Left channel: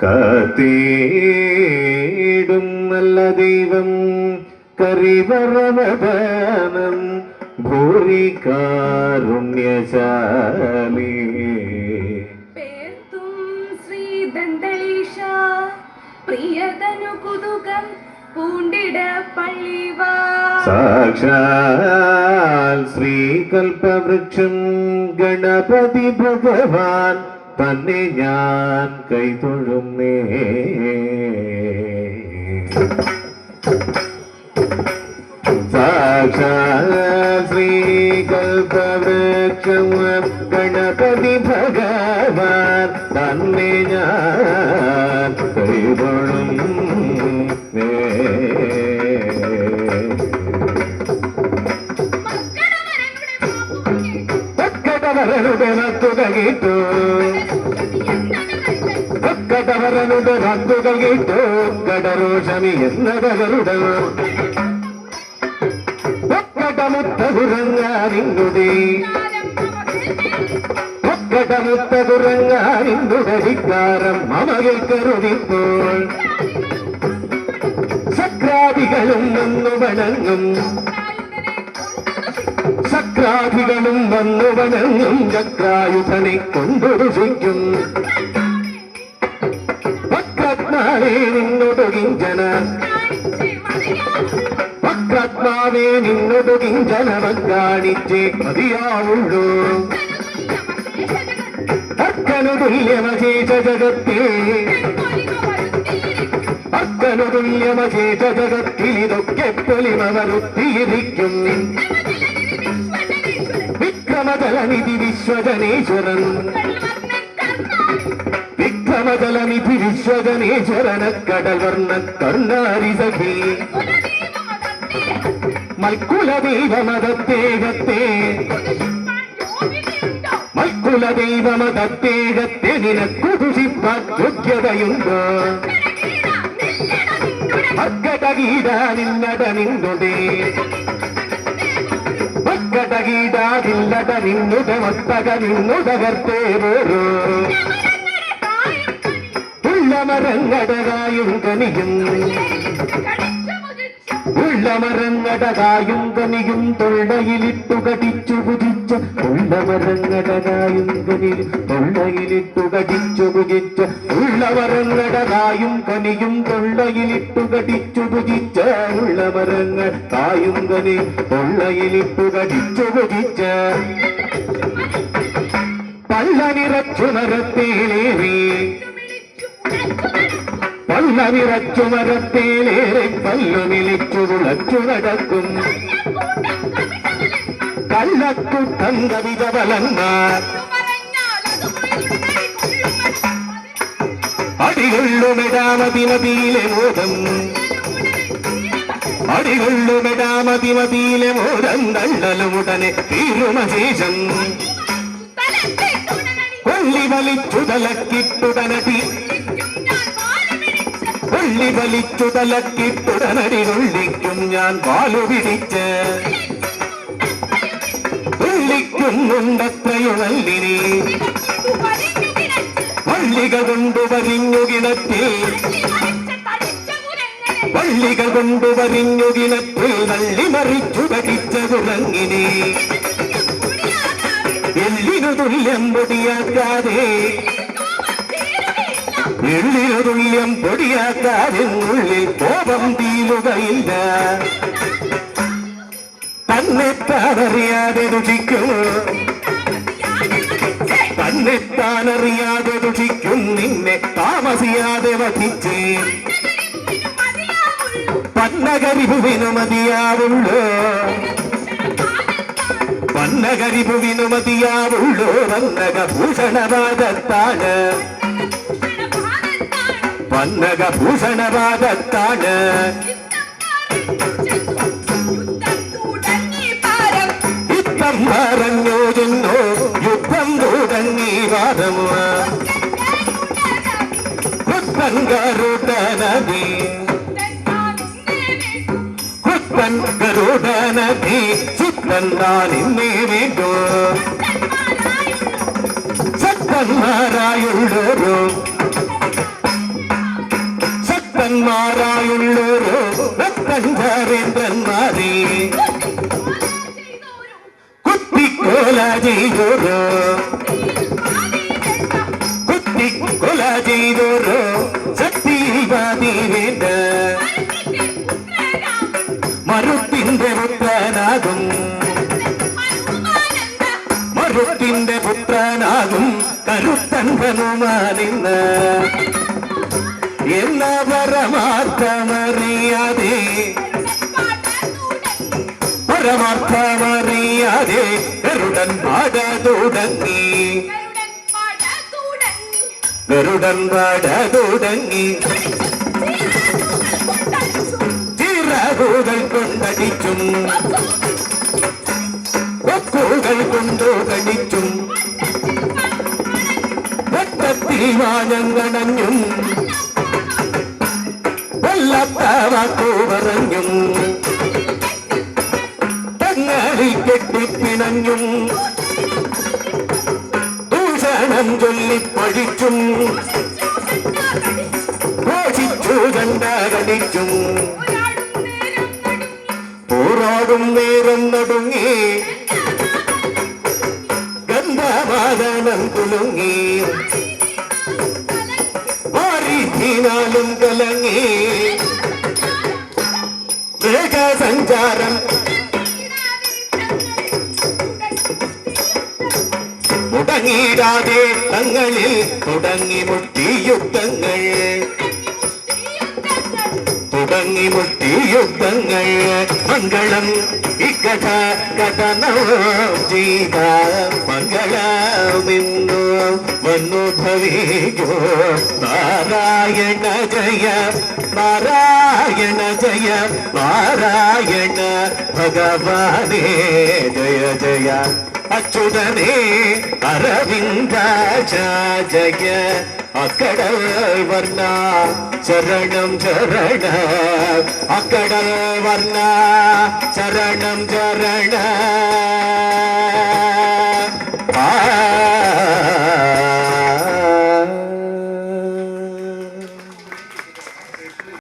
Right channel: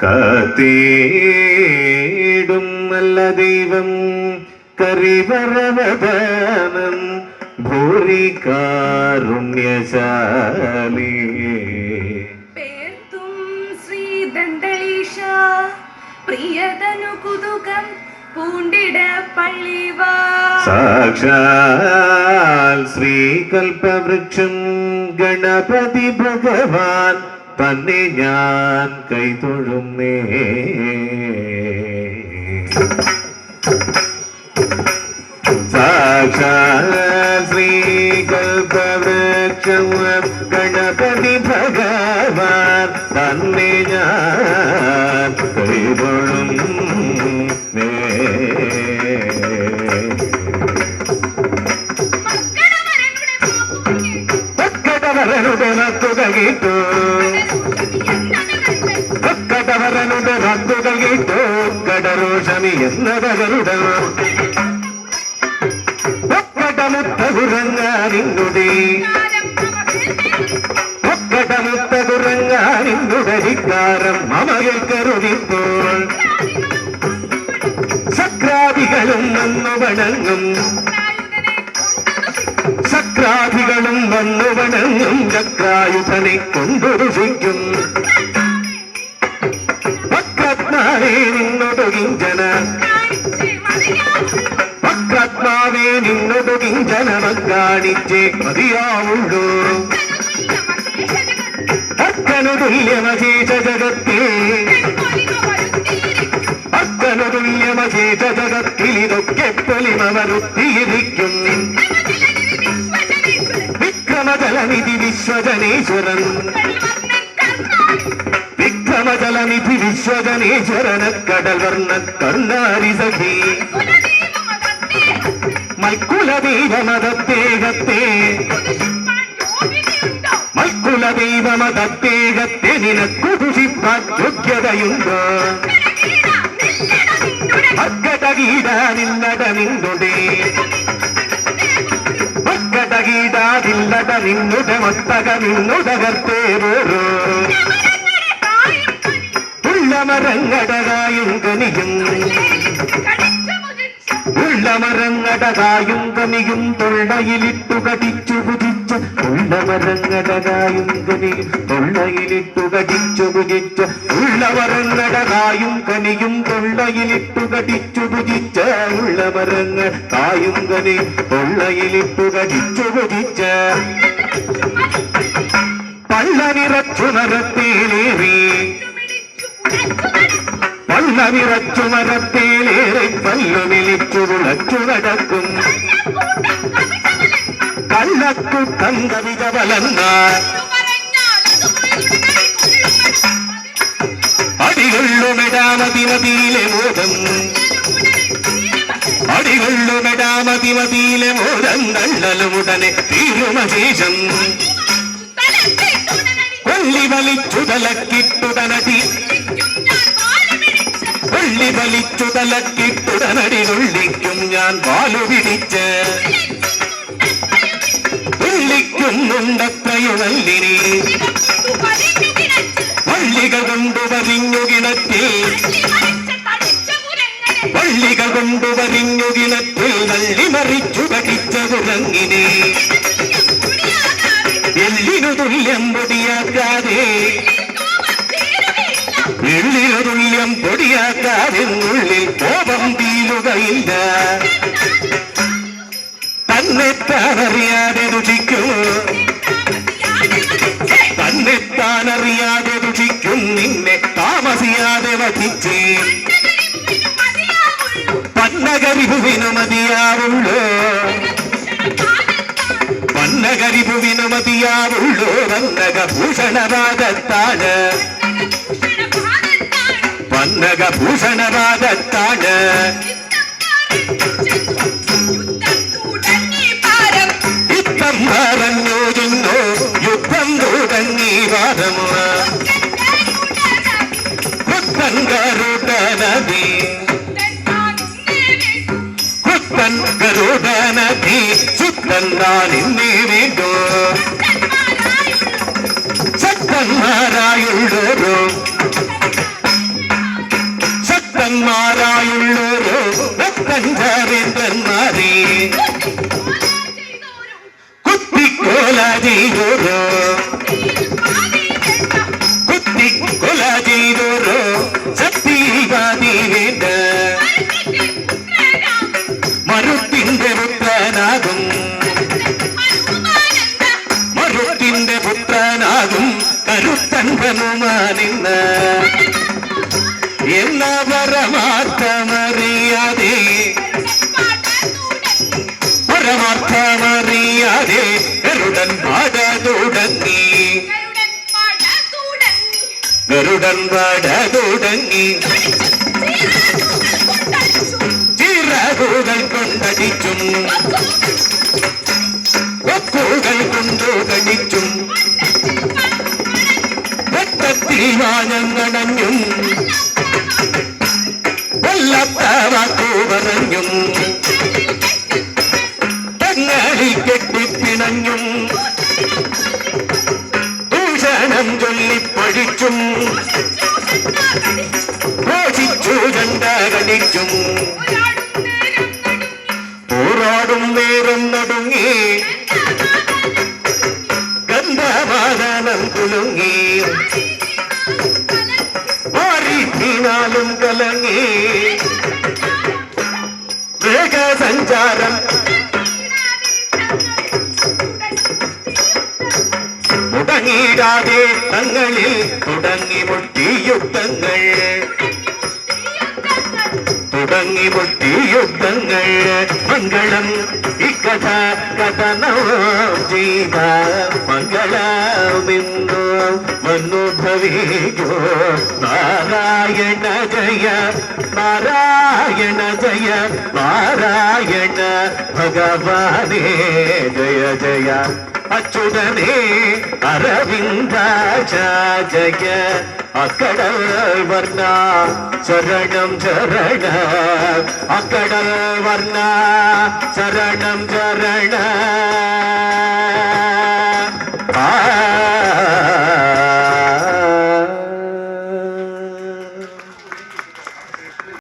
കാത്തേടും നല്ല ദൈവം കരിവരവദനം ഭൂരി കാരുണ്യശാലി പേർത്തും ശ്രീദണ്ഡളീശ പ്രിയതനു കുതുകം പൂണ്ടിട പള്ളിവാ സാക്ഷാൽ ശ്രീകൽപവൃക്ഷം ഗണപതി ഭഗവാൻ തന്നെ ഞാൻ കൈതൊഴുന്നേ. സാക്ഷാൽ ശ്രീകൽപവൃക്ഷം ഗണപതി ഭഗവാൻ തന്നെ ഞാൻ കൈതൊഴുന്നേ. ഒക്കടവരനുടെ വാക്കുകൾ കേട്ടു, ഒക്കടവരനുടെ വാക്കുകൾ കേട്ടു, കടരോഷമി എന്നതവരുടെ ഒക്കടമുത്തകുറങ്ങാനിന്നുടെ ഒക്കടമുത്തകുറങ്ങാനിന്നുടെ ധിക്കാരം മമയിൽ കരുതിപ്പോൾ സക്രാദികളും വന്നു വണങ്ങും, സക്രാദികളും വന്നു വണങ്ങും ചക്രായുധനെ കൊണ്ടുരുഷിക്കും. വക്രാത്മാവേ നിന്നൊടു കിഞ്ചന, വക്രാത്മാവേ നിന്നൊടു കിഞ്ചനം കാണിച്ചേ മതിയാവുള്ളൂ. അക്കനു തുല്യമശേഷ ജഗത്തേ, അക്കനു തുല്യമശേഷ ജഗത്തിൽ ഇതൊക്കെ പൊലിമ വരുത്തിയിരിക്കും. വിക്രമജലനിധി വിശ്വജനേശ്വരൻ, വിക്രമജലനിധി വിശ്വജനേശ്വരന കടൽവർണ്ണ കർണാരി സഖി മൽക്കുലദൈവമതത്തേകത്തെ, മൽക്കുലദൈവമതത്തേകത്തെ നിനക്കു ദുഷിപ്പാൻ യോഗ്യതയുണ്ടോ? അർക്കടകീട നിന്നട നിന്നുടേ, ഒക്കടകീടാതില്ലട നിന്നുട മസ്തക നിന്നുടകർത്തേ പോരോ. ഉള്ളമരങ്ങടകായും കനിയും, ഉള്ളമരങ്ങടകായും കനിയും തൊള്ളയിലിട്ടു കടിച്ചു ഭുജിച്ച, ഉള്ളമരങ്ങടകായും കനിയും തൊള്ളയിലിട്ടു കടിച്ചു ഭുജിച്ച, ഉള്ളമരങ്ങടകായും കനിയും തൊള്ളയിലിട്ടു കടിച്ചു ഭുജിച്ച, ഉള്ളമരങ്ങൾ കായും കനി തൊള്ളയിലിട്ടു കടിച്ചു ഭുജിച്ച, പള്ളനിറച്ചു മരത്തേലേറി, പള്ളനിറച്ചു മരത്തേലേറെ പല്ലു വിളിച്ചു വിളച്ചു നടക്കും. കള്ളക്കൂട്ടം കവിത വലന്ന അടികൊള്ളുമെടാമതിമതിയിലെ മോദം, അടികൊള്ളുമെടാമതിമതിയിലെ മോദം തള്ളലുമുടനെ തീരുമശേഷം കൊള്ളി വലിച്ചു തലക്കിട്ടുടനടി, കൊള്ളി വലിച്ചു തലക്കിട്ടുടനടി കൊള്ളിക്കും ഞാൻ പാലു പിടിച്ച്. കൊള്ളിക്കുന്നുണ്ടത്രയുമല്ലിനി വള്ളികൾ കൊണ്ടു വരിഞ്ഞു കിണറ്റിൽ, വള്ളികൾ കൊണ്ടു വരിഞ്ഞു കിണറ്റിൽ വള്ളി മറിച്ചു കടിച്ച കുരങ്ങിനെ എല്ലിനു തുല്യം പൊടിയാക്കാതെ, എള്ളിനു തുല്യം പൊടിയാക്കാതെ ഉള്ളിൽ കോപം തീരുകയില്ല. തന്നെത്താനറിയാതെ ദുഷിക്കും, തന്നെത്താനറിയാതെ ദുഷിക്കും നിന്നെ താമസിയാതെ വധിച്ച്. പന്നകരിഭുവിനു മതിയാവുള്ളൂ, പന്നകരിഭുവിനു മതിയാവുള്ളൂ പന്നകഭൂഷണവാദത്താണ്, പന്നകഭൂഷണവാദത്താണ്. യുദ്ധം പറഞ്ഞു ചെന്നു, യുദ്ധം തുടങ്ങി വാദമോ പുത്തൻ ഗരുഡനദി, പുത്തൻ ഗരുഡനദി ചുത്തന്നാനിന്നേ വീണ്ടോ. ശക്തന്മാരായുള്ളോരോ ഇതൊരു ശക്തിവാദി വേണ്ട മരുത്തിന്റെ പുത്രനാകും മരുത്തിന്റെ പുത്രനാകും കരുത്തൻ ഹനുമാനിന്ന് എന്ന പരമാർത്ഥമറിയാതെ പരമാർത്ഥമറിയാതെ ഗരുഡൻ പാട തുടങ്ങി ഗരുഡൻ പാട തുടങ്ങി ചിറകുകൾ കൊണ്ടടിച്ചും കൊക്കുകൾ കൊണ്ടു കടിച്ചും ഒട്ടത്തിൽ വാനങ്ങണഞ്ഞും കൊല്ലത്ത വാക്കു പറഞ്ഞും തങ്ങളിൽ കെട്ടിപ്പിണഞ്ഞും ഭൂഷണം ചൊല്ലിപ്പഴിച്ചും ഘോഷിച്ചു കണ്ടകടിച്ചും പോരാടും നേരം നടുങ്ങി ഗന്ധമാദനം തുളുങ്ങി മാറിനാലും കലങ്ങി വേഗസഞ്ചാരം മുടങ്ങിടാതെ തങ്ങളിൽ തുടങ്ങി മുട്ടിയുദ്ധങ്ങൾ തുടങ്ങി മുട്ടിയുദ്ധങ്ങൾ മംഗളം ഇക്കഥ കഥനോ ചെയ്ത മംഗളമിന്നു വന്നു ഭവിക്കോ നാരായണ ജയ നാരായണ ജയ നാരായണ ഭഗവാനേ ജയ ജയ അച്യുതനേ അരവിന്ദാച ജയ അക്കടൽ വർണ്ണ ശരണം ശരണ അക്കടൽ വർണ്ണ ശരണം ശരണ